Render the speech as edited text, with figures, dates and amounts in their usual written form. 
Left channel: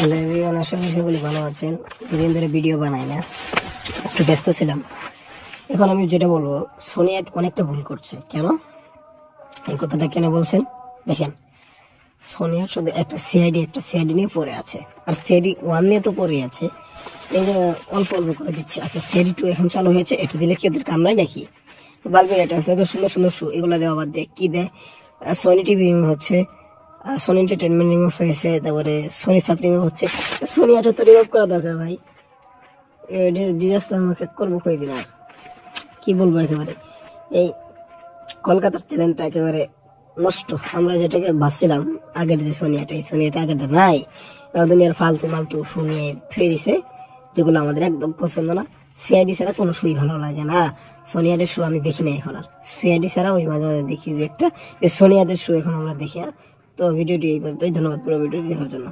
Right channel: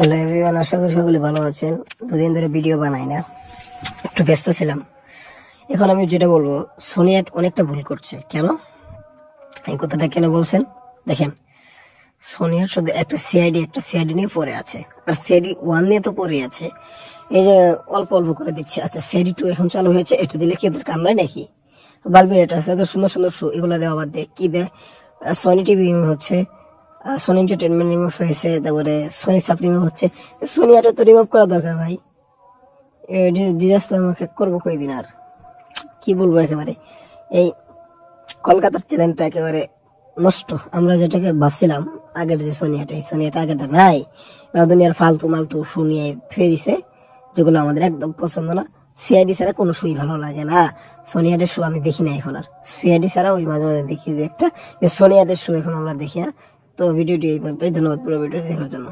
Hello everyone, আশা করি সকলে ভালো আছেন। দুদিন ধরে ভিডিও বানাই না, একটু ব্যস্ত ছিলাম। এখন আমি যেটা বলবো, সোনি অনেকটা ভুল করছে। কেন এই কথাটা কেন বলছেন দেখেন, সোনি শুধু একটা সিআইডি নিয়ে পড়ে আছে, আর সিআইডি 1 নিয়ে তো পড়ে আছে। এই যে অল্প অল্প করে দিচ্ছে। আচ্ছা, সিআইডি 2 এখন চালু হয়েছে, এটা দিলে কি ওদের কামড়ায় নাকি? বালবে এটা আছে তো সুন্দর সুন্দর শো, এগুলো দেওয়া বাদ দেয় কি দেয়? সোনি টিভি রিমুভ হচ্ছে, সোনি এন্টারটেনমেন্ট রিমুভ হয়েছে, তারপরে সোনি সাপ রিমুভ হচ্ছে। সোনি এটা তো রিমুভ করা দরকার ভাই। ডিজাস্টার আমাকে করবো কয়দিন আর কি বলবো। একেবারে এই কলকাতার চ্যানেলটা একেবারে নষ্ট। আমরা যেটাকে ভাবছিলাম আগের যে সোনিয়াটা, এই সোনিয়াটা আগেরটা নাই। দুনিয়ার ফালতু মালতু শো নিয়ে ফেলে দিছে, যেগুলো আমাদের একদম পছন্দ না। সিআইডি ছাড়া কোনো শোই ভালো লাগে না। সোনিয়াদের শো আমি দেখি না এখন আর। সিআইডি ছাড়া ওই মাঝে মাঝে দেখি যে একটা, সোনিয়াদের শো এখন আমরা দেখি না। তো ভিডিওটি এই পর্যন্তই। ধন্যবাদ পুরো ভিডিওটি দেখার জন্য।